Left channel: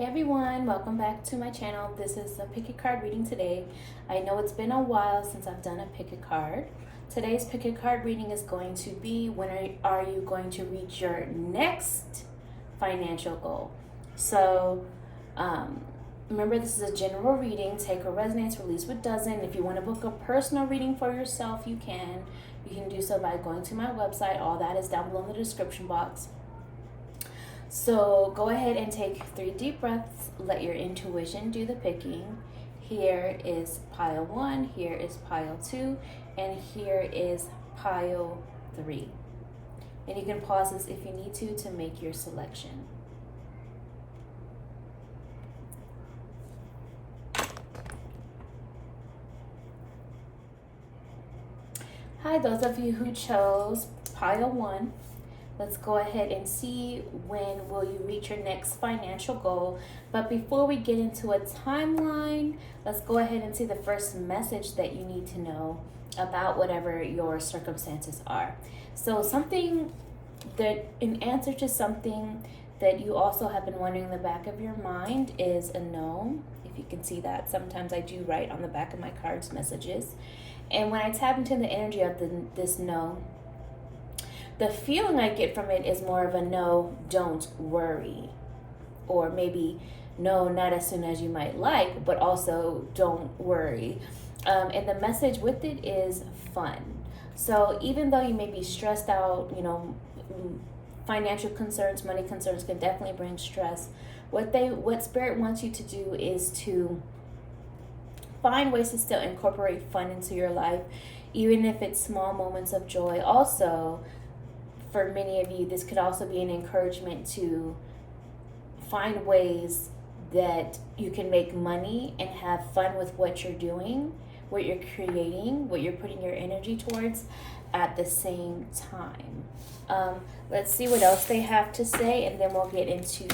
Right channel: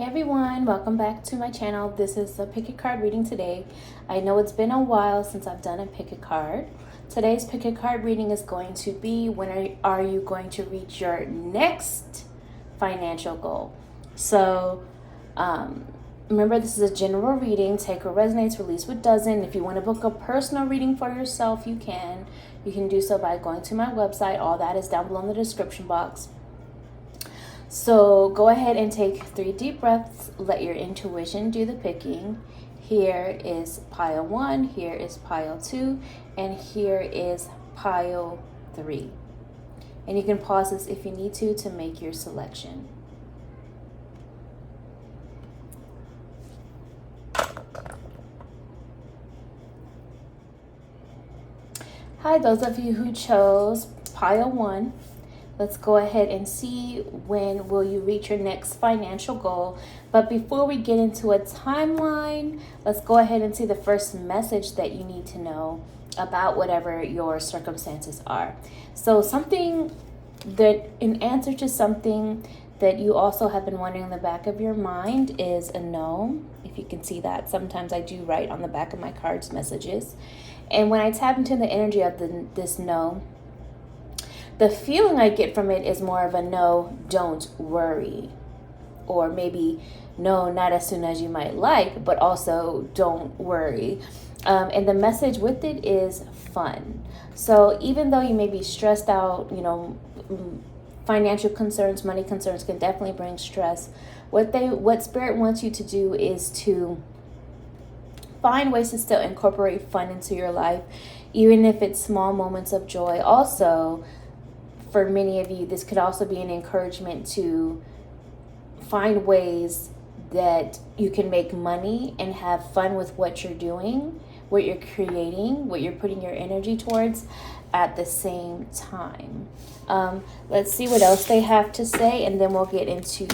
Hey everyone, welcome back to my channel. This is a pick a card reading today. I know it's been a while since I've done a pick a card. Today's pick a card reading is going to be when are you going to reach your next financial goal? So remember, this is a general reading. Take what resonates, release what doesn't. If you want to book a personal reading for yourself, you can. You can do so by going to my website. All that is down below in the description box. So go ahead and take 3 deep breaths. Let your intuition do the picking. Here is pile 1, here is pile 2, and here is pile 3. And you can pause this if you need to make your selection. Hi, those of you who chose pile 1. Let's go ahead and see when will you reach your next financial goal. But before we get into a timeline, let's go ahead and see the first message that you need to know about whatever your circumstances are. So something that, in answer to something that you also have been wondering in the back of your mind, is a no. If you can see that, sometimes I do write on the back of my cards messages. And when I tap into the energy of this no, the feeling I get from it is more of a no, don't worry. Or maybe no, not as soon as you might like, but also don't worry. And the message with it is fun. So even though you may be stressed out, financial concerns, money concerns can definitely bring stress. What Spirit wants you to do is to find ways to still incorporate fun into your life, even if it's small moments of joy. Also, for many of you, this could also be an encouragement to find ways that you can make money and have fun with what you're doing, what you're creating, what you're putting your energy towards at the same time. Let's see what else they have to say, and then we'll get into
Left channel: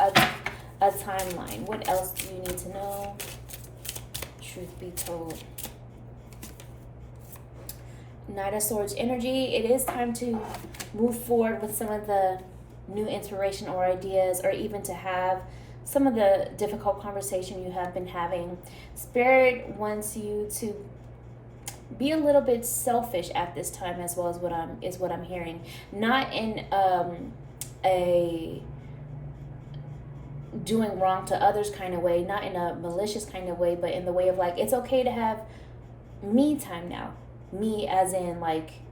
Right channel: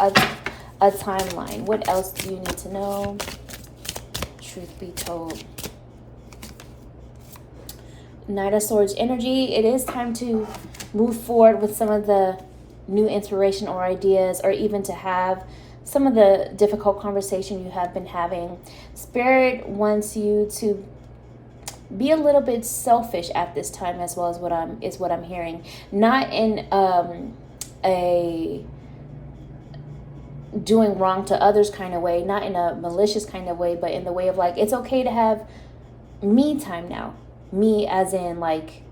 a timeline. What else do you need to know? Truth be told. Knight of Swords energy. It is time to move forward with some of the new inspiration or ideas, or even to have some of the difficult conversation you have been having. Spirit wants you to be a little bit selfish at this time, as well as what I'm hearing. Not in a doing wrong to others kind of way, not in a malicious kind of way, but in the way of like, it's okay to have me time now. Me as in like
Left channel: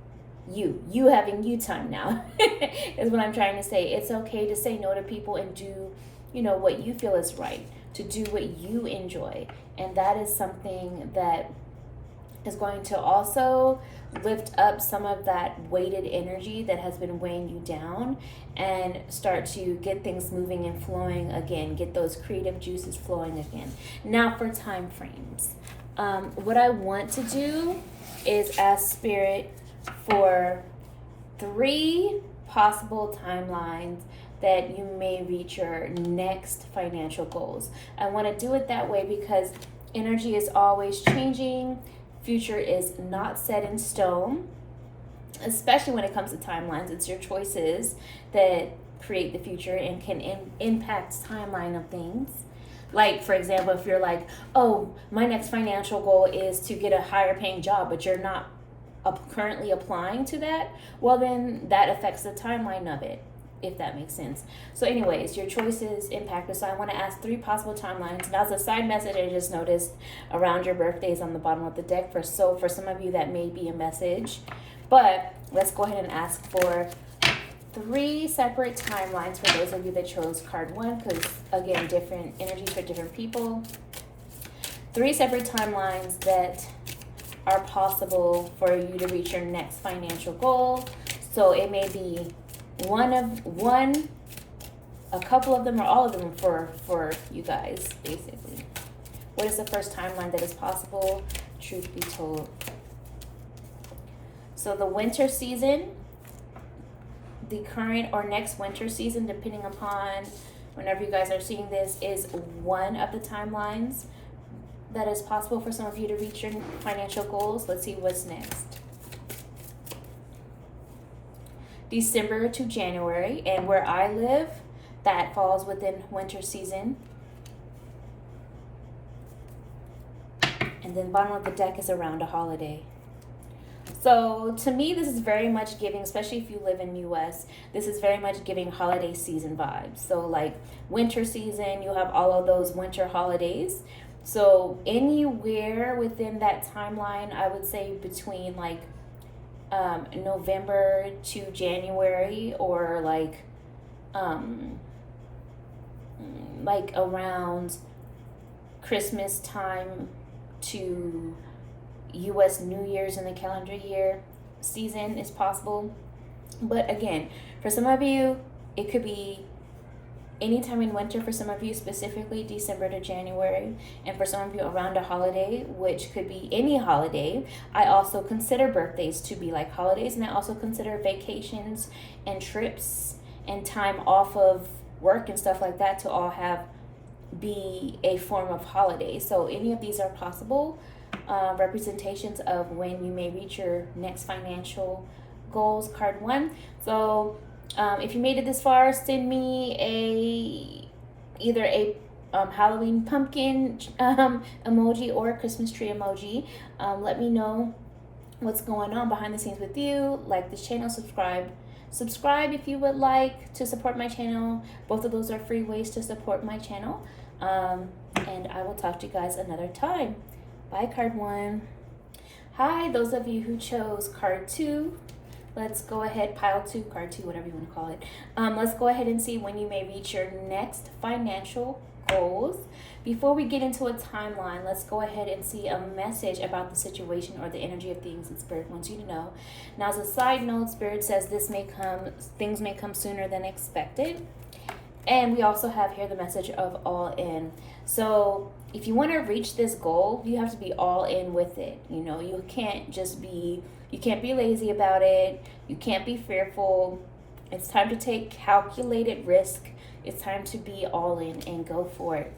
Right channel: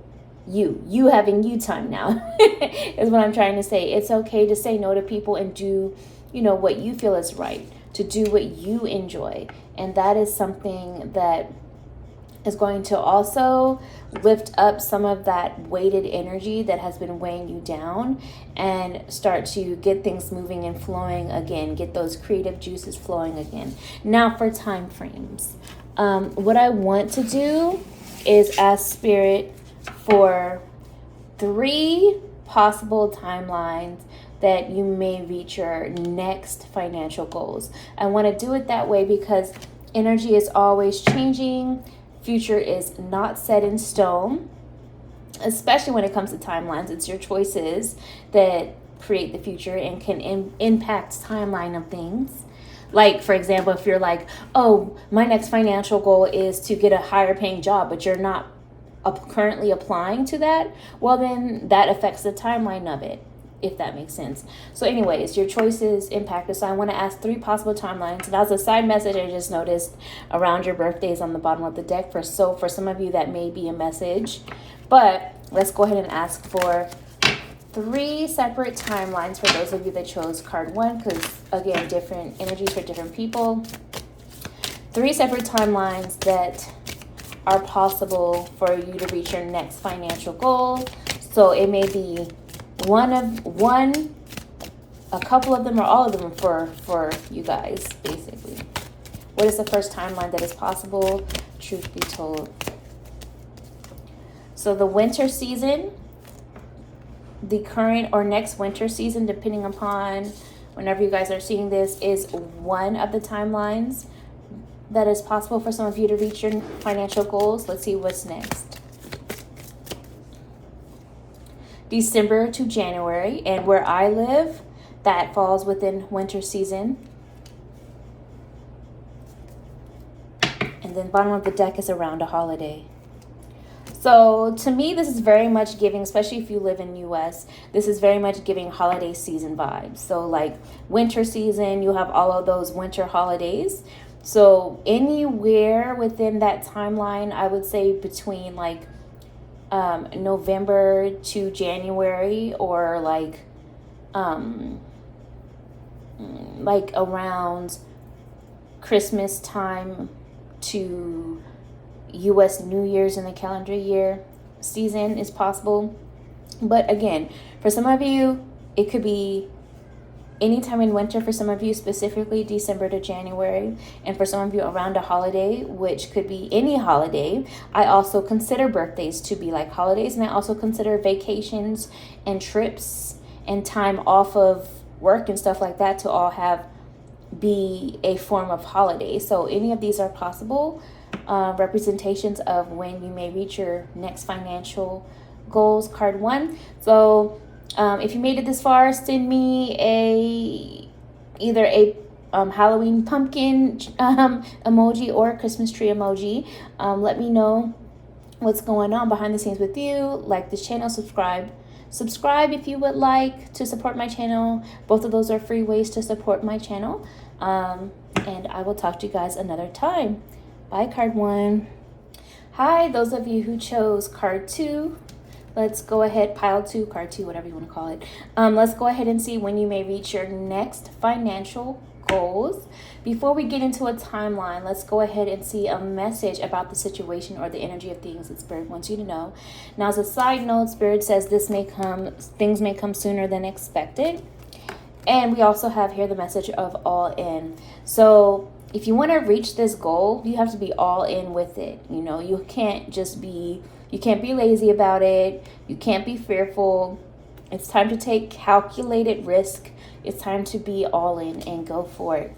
you having you time now is what I'm trying to say. It's okay to say no to people and do what you feel is right, to do what you enjoy. And that is something that is going to also lift up some of that weighted energy that has been weighing you down, and start to get things moving and flowing again, get those creative juices flowing again. Now for time frames, what I want to do is ask Spirit for 3 possible timelines that you may reach your next financial goals. I want to do it that way because energy is always changing. Future is not set in stone, especially when it comes to timelines. It's your choices that create the future and can impact timeline of things. Like, for example, if you're like, oh, my next financial goal is to get a higher paying job, but you're not currently applying to that, well, then that affects the timeline of it, if that makes sense. So anyways, your choices impact it. So I want to ask 3 possible timelines. That was a side message I just noticed around your birthdays on the bottom of the deck. For some of you, that may be a message. But let's go ahead and ask for 3 separate timelines for those of you that chose card 1, because again, different energies for different people. 3 separate timelines that are possible for you to reach your next financial goal. So it may be a couple of them, or all of them for you guys, basically. What is the first timeline that is possible? Truth be told. So the winter season, the current or next winter season, depending upon whenever you guys are seeing this, is one of the timelines that is possible for some of you to reach your financial goals. Let's see what's next. December to January, and where I live, that falls within winter season. And then bottom of the deck is around a holiday. So to me, this is very much giving, especially if you live in US, this is very much giving holiday season vibes. So like winter season, you have all of those winter holidays. So anywhere within that timeline, I would say between like November to January, or like around Christmas time to US New Year's in the calendar year season is possible. But again, for some of you, it could be anytime in winter. For some of you, specifically December to January. And for some of you, around a holiday, which could be any holiday. I also consider birthdays to be like holidays, and I also consider vacations and trips and time off of work and stuff like that to all be a form of holiday. So any of these are possible representations of when you may reach your next financial goals. Card 1. So if you made it this far, send me either a Halloween pumpkin emoji or Christmas tree emoji. Let me know what's going on behind the scenes with you. Like this channel, subscribe if you would like to support my channel. Both of those are free ways to support my channel. And I will talk to you guys another time. Bye, card 1. Hi, those of you who chose card 2. Let's go ahead, pile 2, card 2, whatever you want to call it. Let's go ahead and see when you may reach your next financial goals. Before we get into a timeline, let's go ahead and see a message about the situation or the energy of things that Spirit wants you to know. Now, as a side note, Spirit says things may come sooner than expected. And we also have here the message of all in. So if you want to reach this goal, you have to be all in with it. You know, you can't be lazy about it. You can't be fearful. It's time to take calculated risk. It's time to be all in and go for it.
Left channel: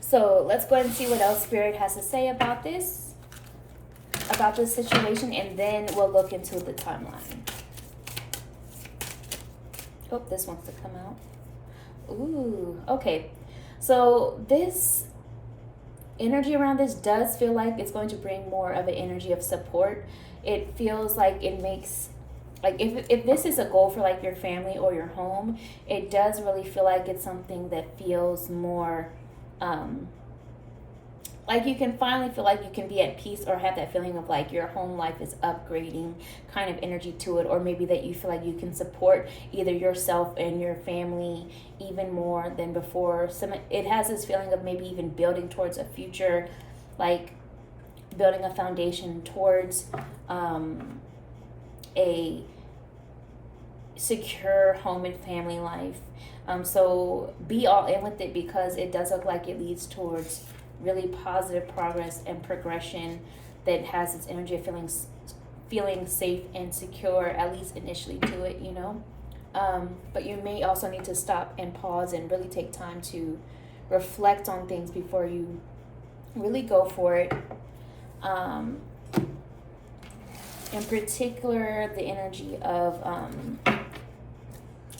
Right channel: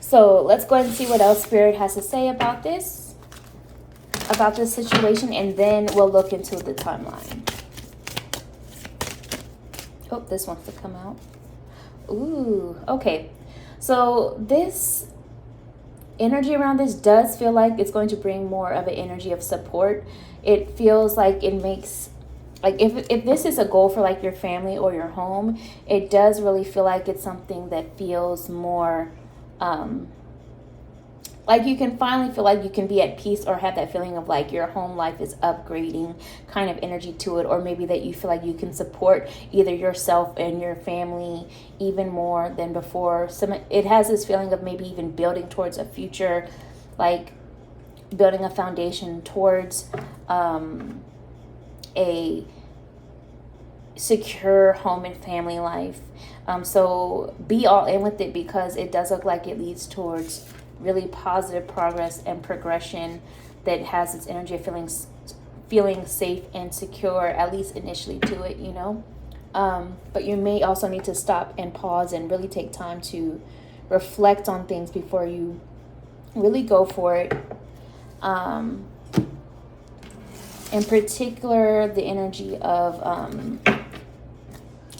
So let's go ahead and see what else Spirit has to say about this situation, and then we'll look into the timeline. Hope this wants to come out. Ooh, okay. So this energy around this does feel like it's going to bring more of an energy of support. It feels like it makes, like if this is a goal for like your family or your home, it does really feel like it's something that feels more like you can finally feel like you can be at peace, or have that feeling of like your home life is upgrading kind of energy to it, or maybe that you feel like you can support either yourself and your family even more than before. It has this feeling of maybe even building towards a future, like building a foundation towards a secure home and family life. So be all in with it, because it does look like it leads towards really positive progress and progression that has its energy of feeling safe and secure, at least initially, to it, you know. But you may also need to stop and pause and really take time to reflect on things before you really go for it. In particular, the energy of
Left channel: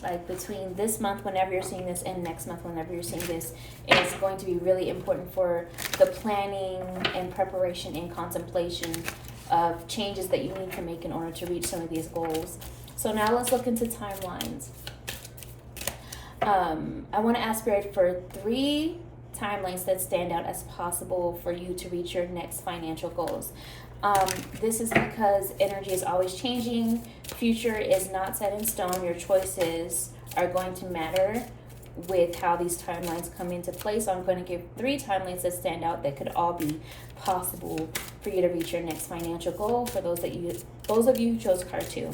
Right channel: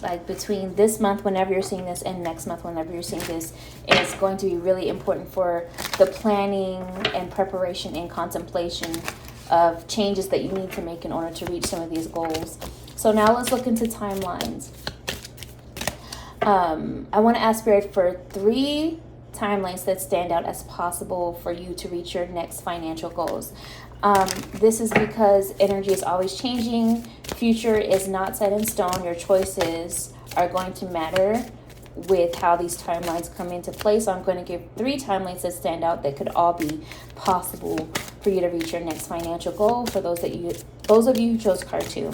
like between this month, whenever you're seeing this, and next month, whenever you're seeing this, it's going to be really important for the planning and preparation and contemplation of changes that you need to make in order to reach some of these goals. So now let's look into timelines. I want to ask Spirit for 3 timelines that stand out as possible for you to reach your next financial goals. This is because energy is always changing. Future is not set in stone. Your choices are going to matter with how these timelines come into play. So I'm going to give 3 timelines that stand out that could all be possible for you to reach your next financial goal. For those of you who chose card 2.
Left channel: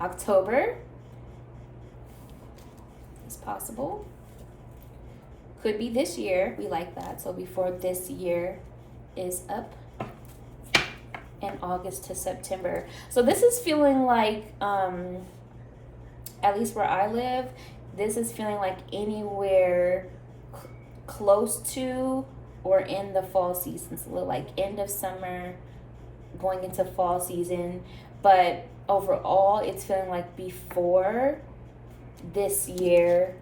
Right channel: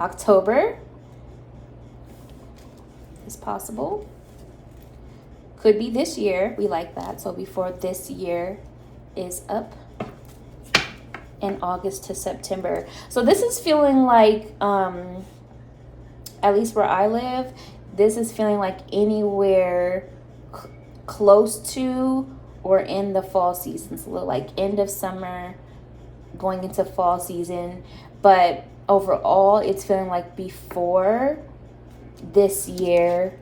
October is possible. Could be this year. We like that. So before this year is up. In August to September. So this is feeling like, at least where I live, this is feeling like anywhere close to or in the fall season. So like end of summer, going into fall season. But overall, it's feeling like before this year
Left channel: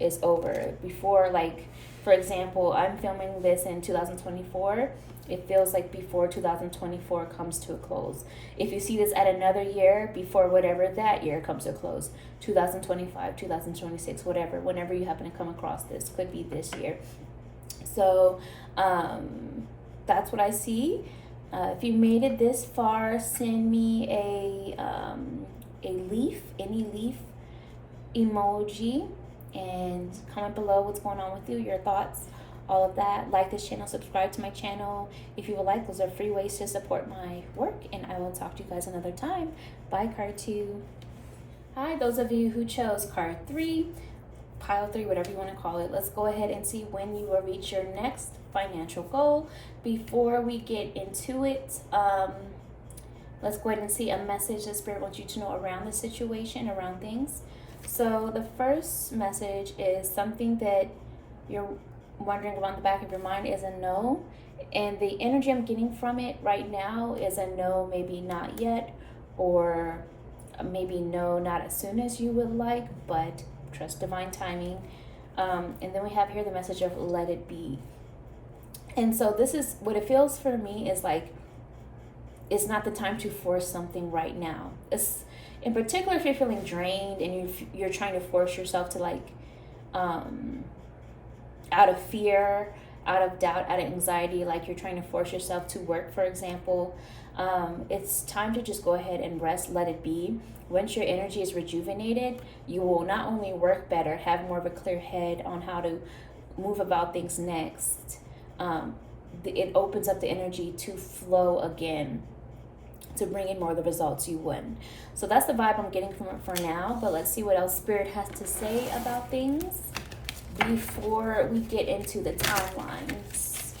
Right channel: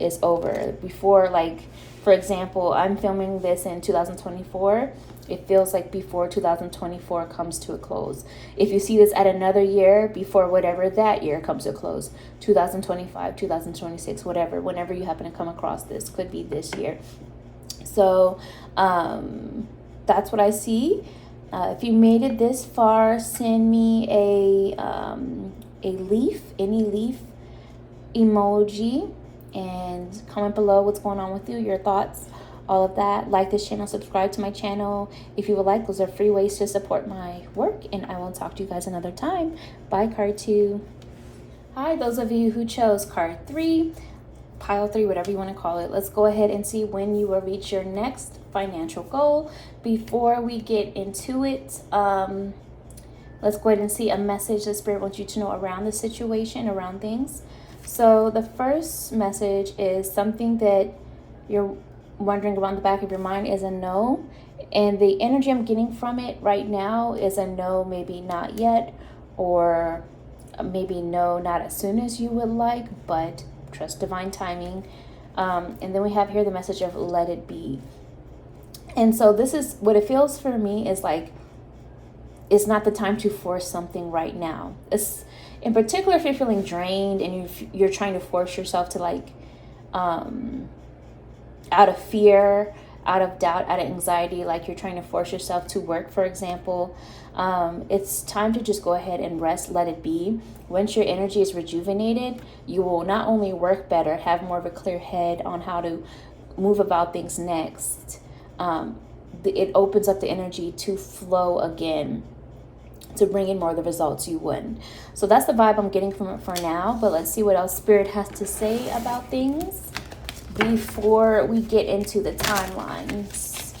is over. Before, like, for example, I'm filming this in 2024. It feels like before 2024 comes to a close. If you see this at another year, before whatever that year comes to a close, 2025, 2026, whatever, whenever you happen to come across this, could be this year. So that's what I see. If you made it this far, send me a leaf, any leaf emoji, and comment below what's going on with you, your thoughts, all of that. Like this channel, subscribe to my channel if you would like. Those are free ways to support my work, and I will talk to you guys another time. Bye, card 2. Hi, those of you who chose card 3, pile 3, whatever you want to call it. Let's go ahead and see when you will reach your next financial goal. Before we get into it, let's go ahead and see a message that Spirit wants you to know around the situation, around things. So the first message is something that you're wondering around the back of your mind is a no. And the energy I'm getting from it right now is a no, maybe not yet, or maybe no, not as soon as you would like, but trust divine timing. And then we have here the message of let it be. And so this is what it feels for me is like, it's not the time to force something right now. It's in particular if you're feeling drained and you're trying to force yourself to like, out of fear, out of doubt, out of anxiety, like you're trying to force yourself to work, for example, it's time to just go ahead and rest, let it be. Once your energy is rejuvenated, you will not only work better, have more of a clear head on how to move about things next. It opens up the energy to flow again, to bring in more of the results you would. So that's the vibe I'm getting from it for now, but let's see what else Spirit has to say about things before we get into the timelines.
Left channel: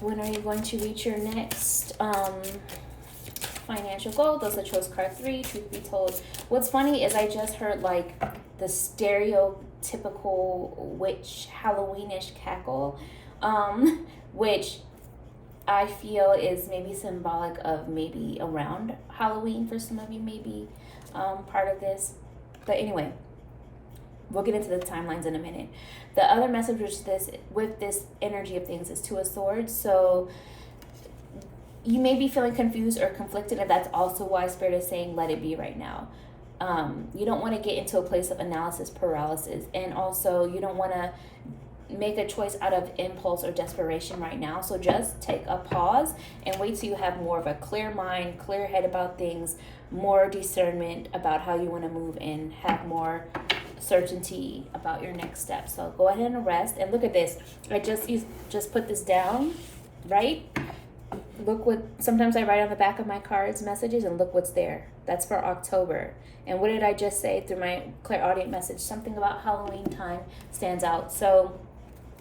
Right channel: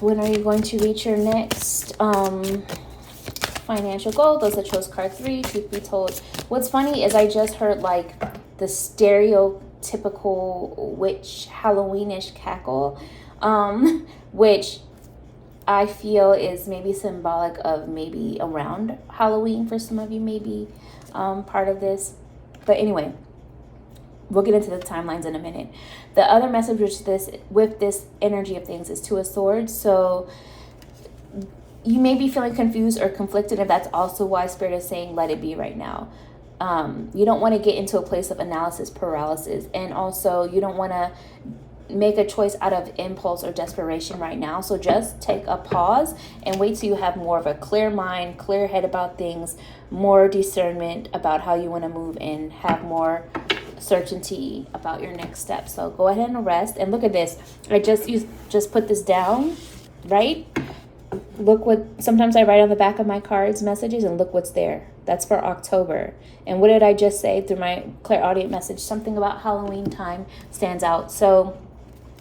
When are you going to reach your next financial goal? Those that chose card 3, truth be told. What's funny is I just heard like the stereotypical witch Halloweenish cackle, which I feel is maybe symbolic of maybe around Halloween for some of you, maybe part of this. But anyway, we'll get into the timelines in a minute. The other message with this energy of things is 2 of Swords. So you may be feeling confused or conflicted, and that's also why Spirit is saying let it be right now. You don't want to get into a place of analysis paralysis, and also you don't want to make a choice out of impulse or desperation right now. So just take a pause and wait till you have more of a clear mind, clear head about things, more discernment about how you want to move, and have more certainty about your next step. So go ahead and rest. And look at this. I just put this down, right? Look what, sometimes I write on the back of my cards messages, and look what's there. That's for October. And what did I just say through my clairaudient message? Something about Halloween time stands out. So,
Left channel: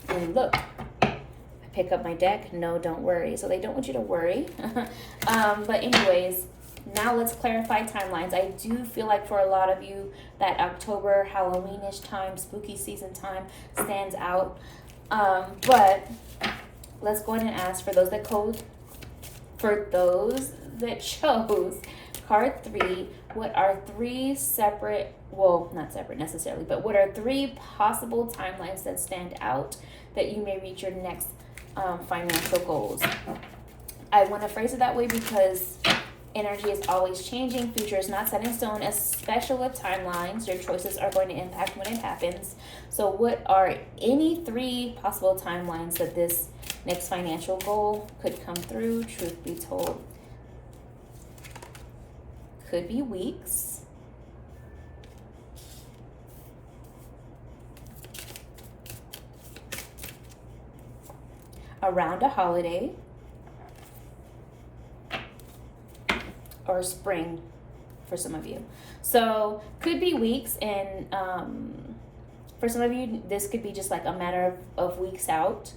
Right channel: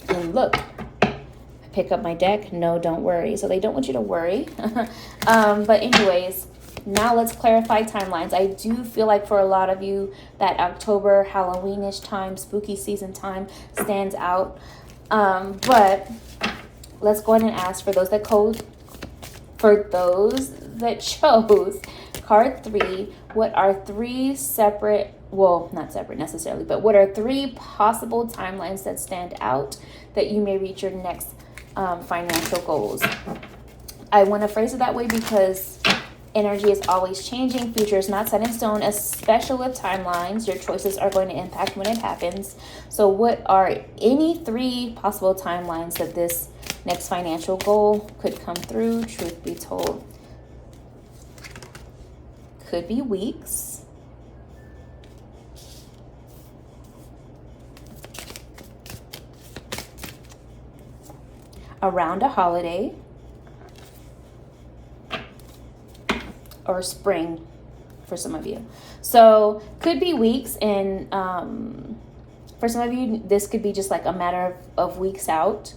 and look, I pick up my deck. No, don't worry. So they don't want you to worry. But anyways, now let's clarify timelines. I do feel like for a lot of you that October, Halloweenish time, spooky season time stands out. But let's go ahead and ask for those that chose card 3, what are 3 separate, well, not separate necessarily, but what are 3 possible timelines that stand out that you may reach your next financial goals? I want to phrase it that way because energy is always changing. Future is not set in stone, especially with timelines. Your choices are going to impact when it happens. So what are any 3 possible timelines that this next financial goal could come through? Truth be told, could be weeks, around a holiday, or spring for some of you. So could be weeks, and for some of you this could be just like a matter of weeks out.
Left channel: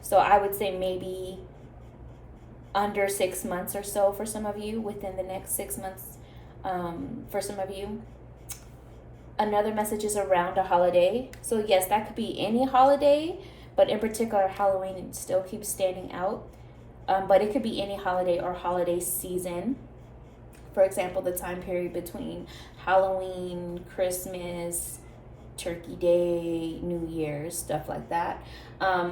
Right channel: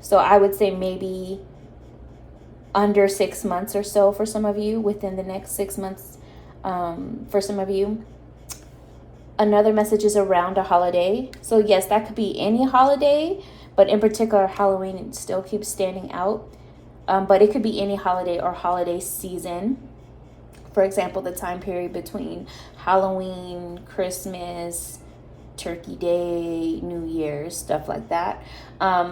So I would say maybe under 6 months or so for some of you, within the next 6 months for some of you. Another message is around a holiday. So yes, that could be any holiday, but in particular Halloween still keeps standing out. But it could be any holiday or holiday season For example, the time period between Halloween, Christmas, Turkey Day, New Year's, stuff like that.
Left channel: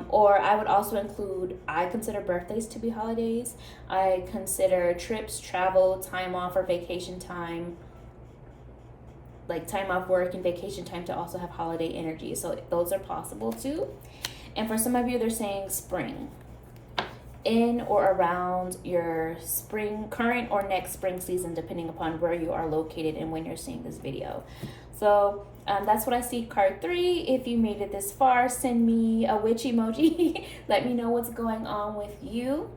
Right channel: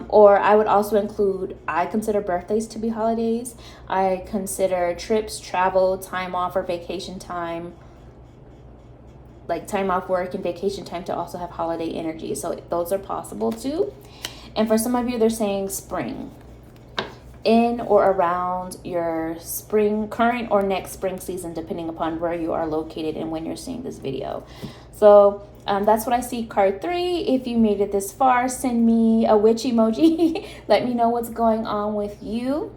Or I would also include, I consider birthdays to be holidays. I consider trips, travel, time off, or vacation time, like time off work and vacation time, to also have holiday energy. So those are possible too. And for some of you, they're saying spring. In or around your spring, current or next spring season, depending upon where you are located and when you're seeing this video. So that's what I see, card 3. If you made it this far, send me a witch emoji. Let me know what's going on with you.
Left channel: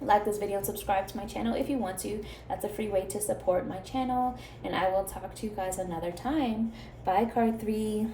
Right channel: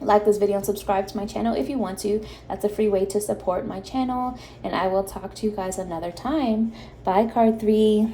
Like this video and subscribe to my channel if you want to. That's a free way to support my channel. And I will talk to you guys another time. Bye, card 3.